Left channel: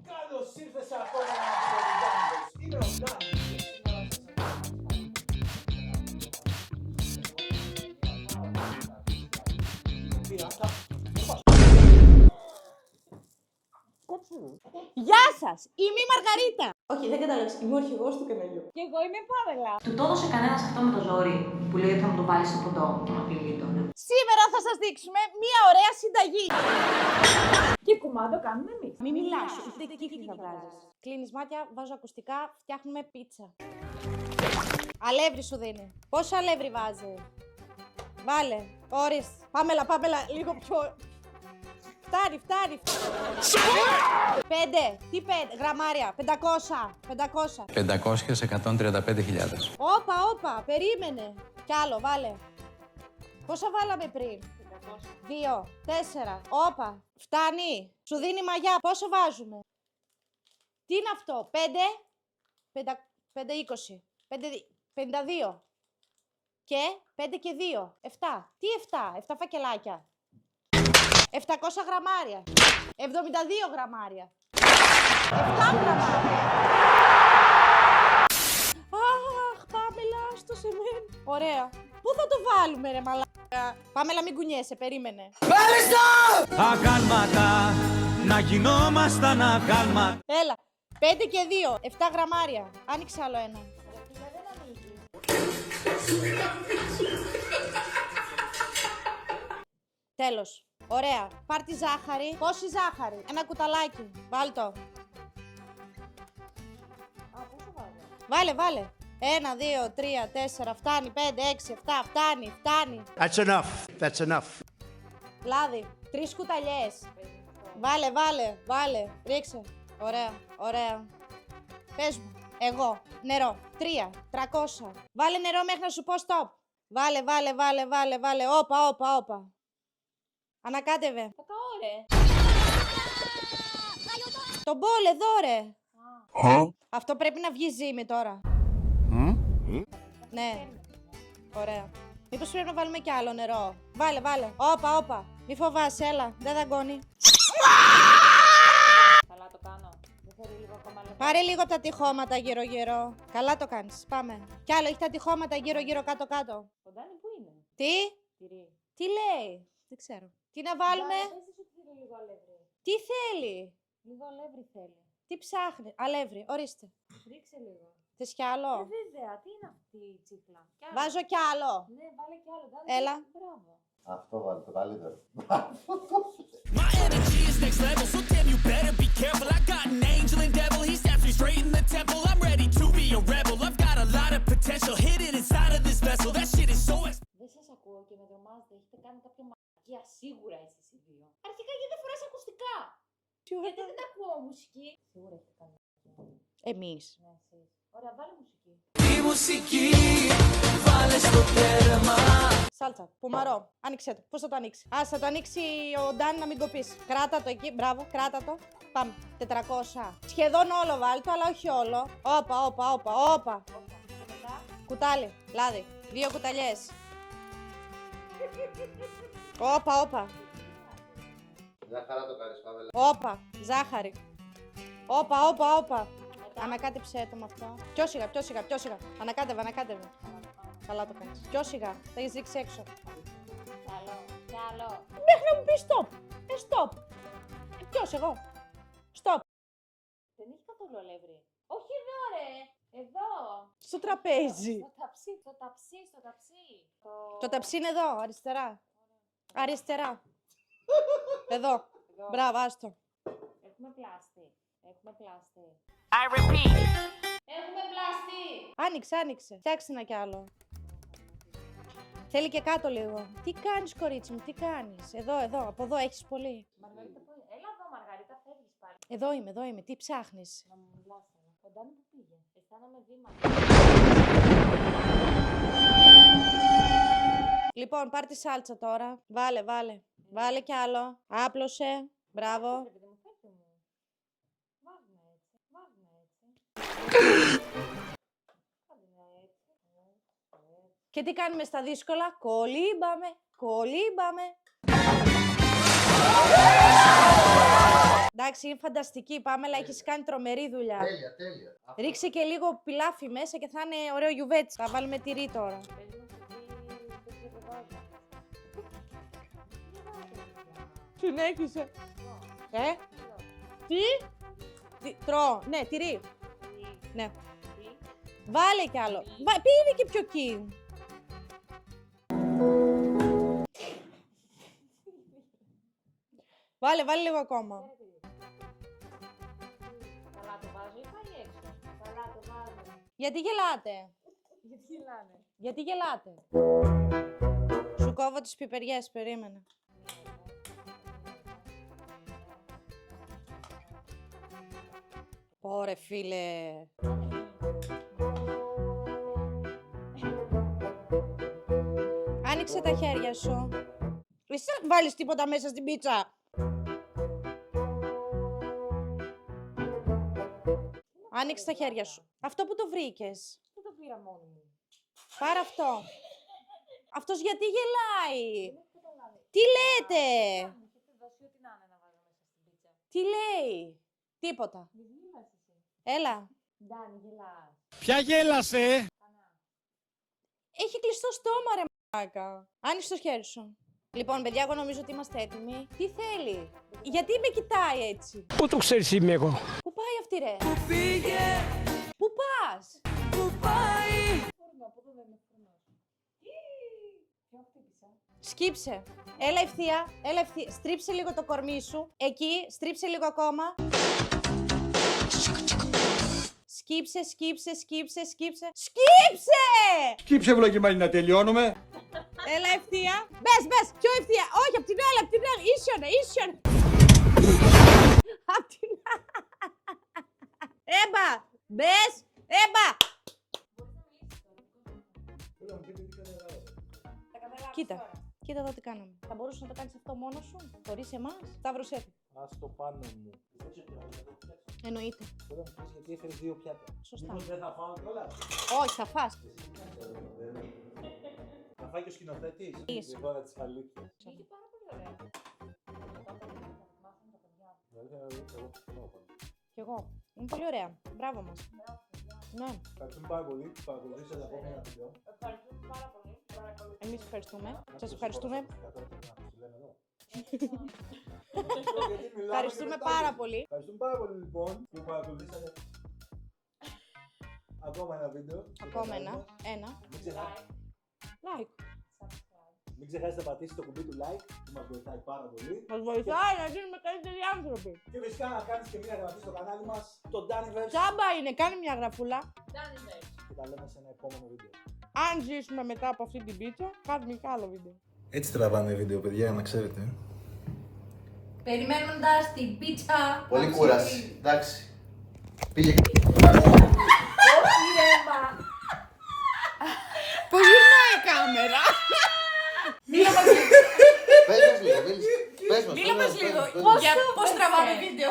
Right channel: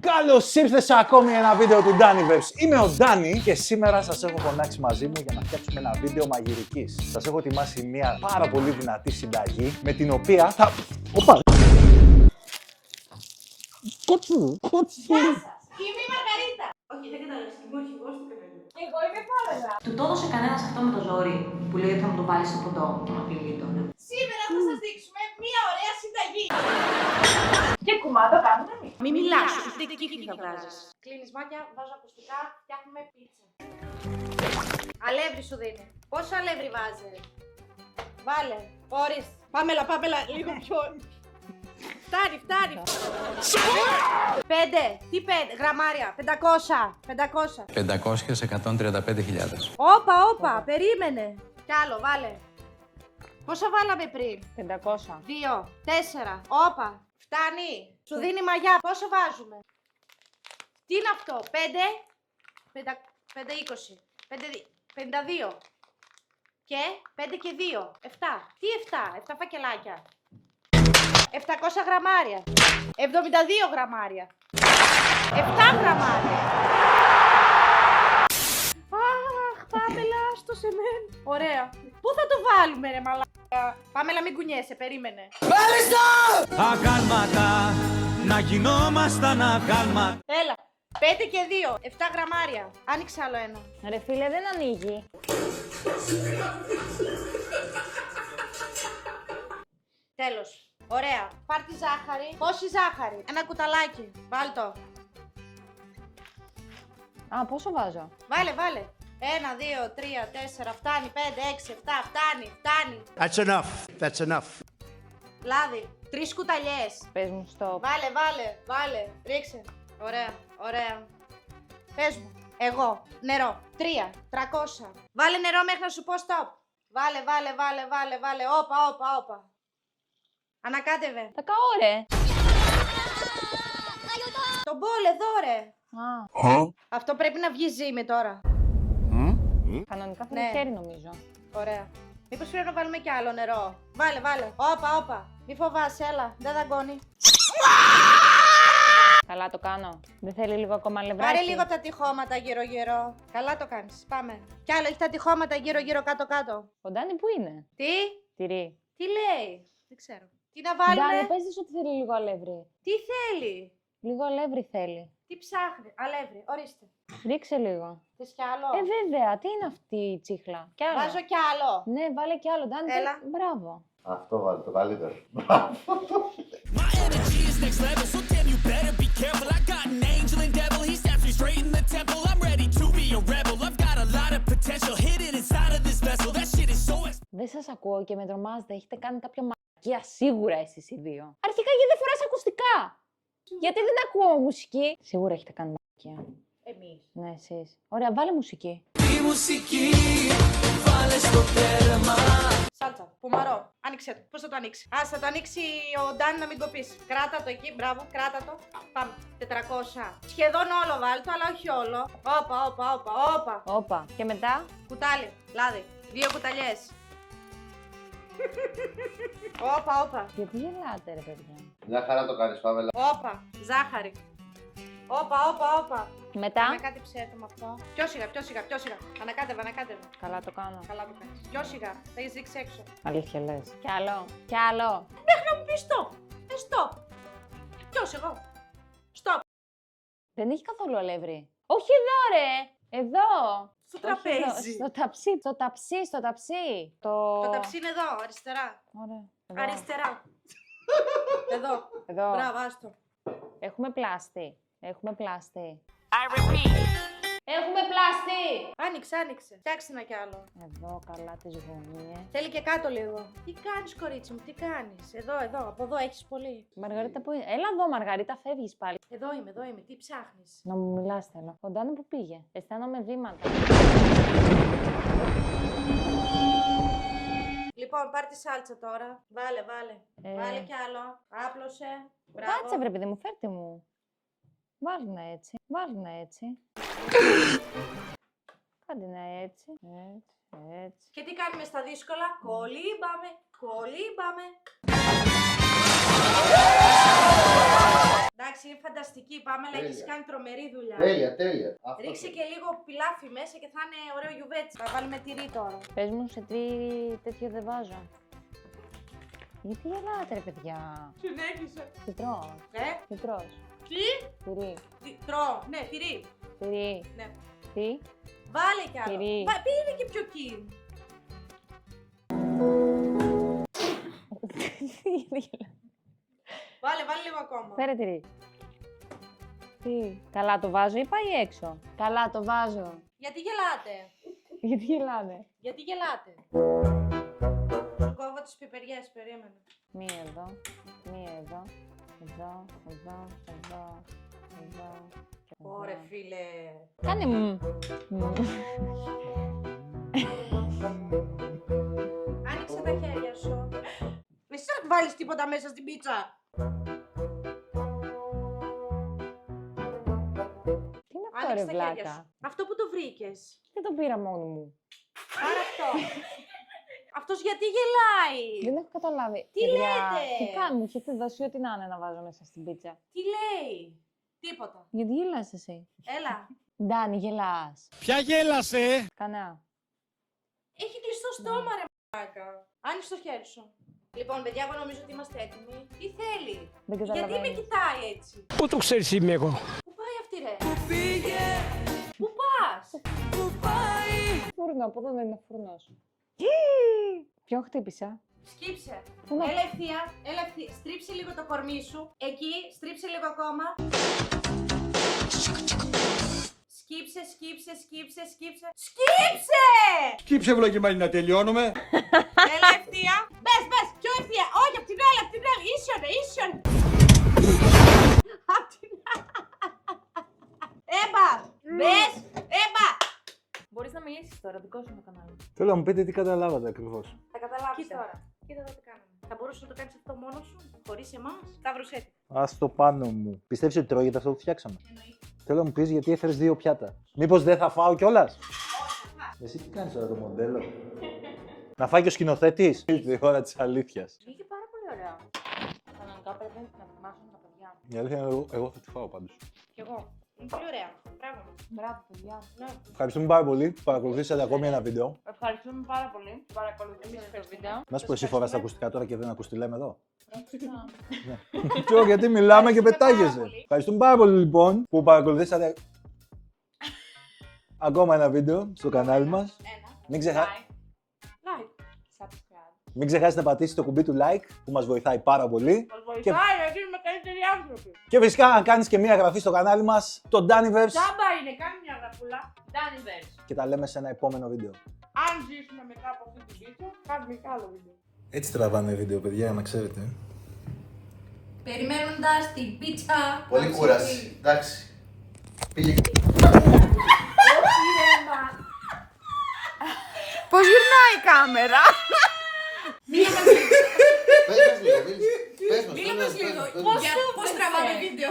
Καλώς ήρθατε σε ακόμη ένα βίντεο του Daniverse. Είμαι ο Ντάνι και σήμερα σας έχω φωνάξει μαζί μου για να φτιάξουμε ένα βίντεο μαγειρικής. Σας έχω ετοιμάσει μια πάρα πολύ δυνατή συνταγή με την οποία θα... Οπα! Γεια σας! Είμαι η Μαργαρίτα! Όχι, δεν κατάλαβες. Είμαι ο αρχηγός του καναλιού. Και εγώ είμαι η Πάμελα. Του το έδωσε κανένας αυτό με το ζόρι που λέει ότι θα μου το βάλει στο ποτό και με απειλεί τώρα. Σήμερα θα σας δείξουμε μία ωραία συνταγή. Και κουμάντο κάνουμε εμείς. Μην μιλάς, ούτε κύκλι θα βγάζεις. Κλείνεις μάτια, βάζω ακουστικά, φτιάχνουμε πίτσα. Αλεύρι σου δίνει. Πόσο αλεύρι βάζει? Βάλε. Ορίστε. Πάμελα, λίγο πιο... Φτάνει. 5. Τι 5 γραμμάρια? 500. 500 σε 135.000. Όπα, περίμενε. Κι άλλο, βάλε. Πόσα βάλαμε πριν? 500. 2, 4. Όπα. Φτάνει. Σου δίνει μαγιά. Πόσο βάζουμε? Τι είναι αυτό? 5, 20. 52. Και 5 και 2. 7. Τι 7? 7 φακελάκια. 700 γραμμάρια. 72 γραμμάρια. 7 γραμμάρια. Αχ, Πάμελα, στο σεμέν. Ωραία. Πού θα το βάλουμε ρε μαλάκα? Πάμελα, μην κουνιέσαι, περίμενε. Αγάλματα, να γινόμασταν αγάλματα. Έλα. 5 και 2. 7 γραμμάρια. Άνοιξε άλλο ένα. Ρε φίλε, δεν ανοίγει. Τέλος. Ωραία. Πάρ' τη ζάχαρη. Πόση ζάχαρη? Ένα κουταλάκι. Βάλ' το. Α, πόσο βάζω? Βάλε. 1, 2, 3, 4, φτάνει. 5, 6, 7, φτάνει. That's enough. Λάδι. 3 κουταλιές. Πες μου stop. Βάλε. Ρίξε. Ωραία. Πες μου. Εγώ. Νερό. 3. 300. Βάλε νερό μέχρι να σου πω stop. Βάλε. Όπα. Ανακάτευε. Τα καώ ρε. Το μπολ εδώ ρε. Α, Αυτό πρέπει να βγει ζύμη τώρα. κανονικά θα Ναι. το χέρι νομίζω. Ωραία. Μήπως πρέπει να βάλουμε κι άλλο νερό? Βάλε. Όπα. Μη φοβάσαι, έλα. Δεν δαγκώνει. Καλά το κάνω. Δεν θέλει λίγο ακόμα λευράκι? Πάρε λίγο τα τυχώματα γύρω-γύρω. Καλά το κάνεις. Πάμε. Κι άλλο έχει τα τυχώματα γύρω-γύρω κάτω-κάτω. Ο Ντάνι που είναι? Τι? Τυρί. Τι λέει? Δεν ξέρω. Τι να βάλουμε? Ντάνι, πες της ότι θέλει λίγο αλεύρι. Τι θέλει? Λίγο αλεύρι θέλει. Τι ψάχνει? Αλεύρι. Ορίστε. Ρίξε λίγο. Θες κι άλλο? Βέβαια, τι είναι αυτή η τσίχλα? Κι άλλο. Βάζω κι άλλο. Ναι, βάλε κι άλλο. Ντάνι, Έλα. μπράβο. Αυτό βάλει το καλύτερο. My energy is next level, so damn you better be careful. I got an angel and devil, he snaps me straight in the temple. I'm ready to be a rebel, I've got a lot of potential hidden inside of this vessel. That shit is so Δεν σας ακούω και με τρομάζετε. Έχετε κάνει κάποια μαλακία σίγουρα εσείς οι δύο. Αρχικά γιατί δεν φοράς ακουστικά? Γιατί δεν ακούω μουσική? Σίγουρα έχετε κάνει μαλακία. Εμείς. Ναι, εσείς. Ωραία, βάλε μουσική. Η μουσική, βάλε στο τέρμα. Σάλτσα, πουμαρό. Άνοιξε το. Πώς θα το ανοίξει? Ας θα το ανοίξει ο Ντάνι να μην το πεις. Κράτα το εκεί, μπράβο, κράτα το. Πάμε. 400. Σχεδόν όλο βάλτο, αλλά όχι όλο. Όπα. Όπα. Και μετά. Κουτάλι, λάδι. 2 κουταλιές. Όπα. Γιατί γελάτε ρε παιδιά? Μια χαρά το κάνεις, Πάμελα. Όπα. Ζάχαρη. Όπα. Μετά. Ανακάτεψέ το με αυτό. Πιο σιγά. Ανακάτευε. Καλά το κάνω. Καλά το κάνεις. Πιο σιγά. Θα έχεις ρίξει έξω. Αλήθεια λες. Κι άλλο. Μέχρι να μου πεις stop. Stop. Ποιος εγώ? Stop. Δεν έχει καθόλου αλεύρι. Όχι εδώ ρε. Εδώ. Στο Όχι τραπέζι. εδώ. Στο ταψί. Το ταψί είναι εδώ, αριστερά. Ωραία. Εδώ. Αριστερά. Εδώ. Εδώ. Μπράβο, άστο. Έχουμε πλάστη. Έχουμε πλάστη. Άνοιξε. Φτιάξε ένα κι άλλο. Εδώ καλά τις γωνίες. Θέλει και κάτω λίγο. Τι κάνεις, κορίτσι μου, τι κάνεις? Εδώ. Από εδώ έχεις πολύ. Μαργαρίτα που είναι? Έλα εδώ Μαργαρίτα, φεύγεις πάλι. Εδώ είμαι. Τι ψάχνεις? Να μου μιλάς θέλω. Ο Ντάνι που πήγε? Αισθάνομαι βήματα. Λοιπόν, πάρ' τη σάλτσα τώρα. Βάλε. Βάλε κι άλλο. Άπλωσε. Μπράβο. Κάτσε βρε παιδί μου, φέρτε μου. Βάλει να έτσι. Κάντε να έτσι. Και τι κάνουμε στα δύσκολα? Κολύμπαμε. Εντάξει, είναι φανταστική. Πάμελα, έχεις κάνει τρομερή δουλειά. Τέλεια. Ρίξε και λίγο πιλάφι μέσα και θα είναι ωραίο γιουβέτσι. Θα βάλουμε τυρί τώρα. Πες μου σε τι τέτοιο δεν βάζω. Γιατί γελάτε ρε παιδιά. Συνέχισε. Τι τρώω. Τι? Τι τρως. Τυρί. Τρώω. Ναι, τυρί. Τυρί. Ναι. Τι. Βάλε κι άλλο. Τυρί. Πήγαινε και πιο εκεί. Βάλε λίγο ακόμα. Φέρε τυρί. Τι. Καλά το βάζω ή πάει έξω. Καλά το βάζω. Γιατί γελάτε. Γιατί γελάνε. Γιατί γελάτε. Σου κόβω τις πιπεριές, περίμενε. Μία εδώ. Μία εδώ. Εδώ. Εδώ. Εδώ. Εδώ. Ωρε φίλε. Κάνε μου. Άνοιξε τα χέρια σου. Εσύ θα βάλεις τίποτα μέσα στην πίτσα. Τι είναι αυτό, Άνοιξε ρε, τα χέρια βλάκα? σου. Αυτό που το βρήκες. Δεν το πήρα μόνο μου. Πάρε αυτό. Αυτός γιατί γελάει. Δεν έχω καταλάβει. Τι Παιδιά, λέτε? Τι κάνουμε, μου έχετε δώσει ό,τι να είναι να βάζω μέσα στην πίτσα. Τι λέει. Τίποτα. Γιατί γελάς εσύ. Έλα. Ντάνι, γελάς. Ποια γέλασε? Κανά. Έχει κλειστό στόμα ρε μαλάκα. Άνοιξε το χέρι σου. Λοιπόν, παιδιά, εγώ νομίζω ότι είμαστε έτοιμοι. Τι θέλει. Δεν Γιατί καταλαβαίνω. με κοιτάει έτσι. Πού το ξέρεις είμαι εγώ? Πού πάει αυτή ρε. Πήγε, Πού πας. πού πάει? Φούρνο, από εδώ δεν είναι φούρνος. Ποιον χτύπησα. Σκύψε. Πού να- Έλα ευθεία. Στρίψε λίγο το κορμί σου. Εκεί, στρίψε λίγο ακόμα. Σκύψε. Σκύψε! Σκύψε βλογημένη να τελειώνουμε. Έλα ευθεία. Μπες, πιο ευθεία. Όχι, απ' την άλλη. Ίσιον. Απ' την άλλη. Έμπα. Μπες, έμπα. Μπορείς να μιλήσεις τώρα, δικό σου το κανάλι. Θέλω να μου πείτε τι καταλάβατε ακριβώς. Θα καταλάβεις Κοίτα. τώρα. Κοίτα εδώ τι κάνουμε. Θα μπορούσες να το κάνεις αυτό μόνος σου, χωρίς εμάς. Σταύρος έτοιμο. Ας το πάνω μου. Πιστεύεις ότι τρώγεται αυτό που φτιάξαμε? Εννοείται. Θέλω να μου πεις γιατί έφερες 2 πιάτα. Μήπως δεν θα φάω κιόλας? Όχι, θα φας. Εσύ τι κάνεις τώρα το μοντέλο? Να φάει και ο σκηνοθέτης. Ήρθε η ώρα της αλήθειας. Είχε πάρα πολύ ωραία. Κανονικά πρέπει να ετοιμάσουν τα παιδιά. Η αλήθεια είναι εγώ θα τη φάω πάντως. Κι εγώ. Είναι πολύ ωραία. Μπράβο μας. Μπράβο, παιδιά. Ναι. Ευχαριστούμε πάρα πολύ που παρακολουθήσατε ακόμη ένα βίντεο. Ευχαριστούμε πάρα πολύ. Παρακολουθήσατε το βίντεο. Να σου πω, εσύ φοράς τα ακουστικά τώρα και δεν ακούς τι λέμε εδώ. Ναι. Ξέρω γιατί μιλάμε και Ευχαριστούμε πάρα πετάγεσαι. πολύ. Ευχαριστούμε πάρα πολύ λοιπόν που παρακολουθήσατε ακόμα ένα βίντεο στο κανάλι μας. Ένα. Like. Μην ξεχάσετε να πατήσετε το κουμπί του like που μας βοηθάει πάρα πολύ. Μας βοηθάει να γίνουμε καλύτεροι άνθρωποι. Και φυσικά αν κάνεις και μία εγγραφή στο κανάλι μας, το Daniverse. Τάμπα είναι, κάνει μια γραφούλα. Daniverse. Και τα λέμε σε ένα επόμενο βίντεο. Αν ζήσουμε μετά από αυτή την πίτσα, κάνουμε και άλλο βίντεο. Έτσι τραβάνε βίντεο, παιδιά, να ξέρετε. Περιμένοντας την πίτσα. Πολύ κούραση. Εντάξει. Πήγε. Όχι ρε μα. Πώς γυρνάει η κάμερα. Πες μας λίγο. Πες μας. Μίλα μας λίγο. Πώς τραβάμε βίντεο.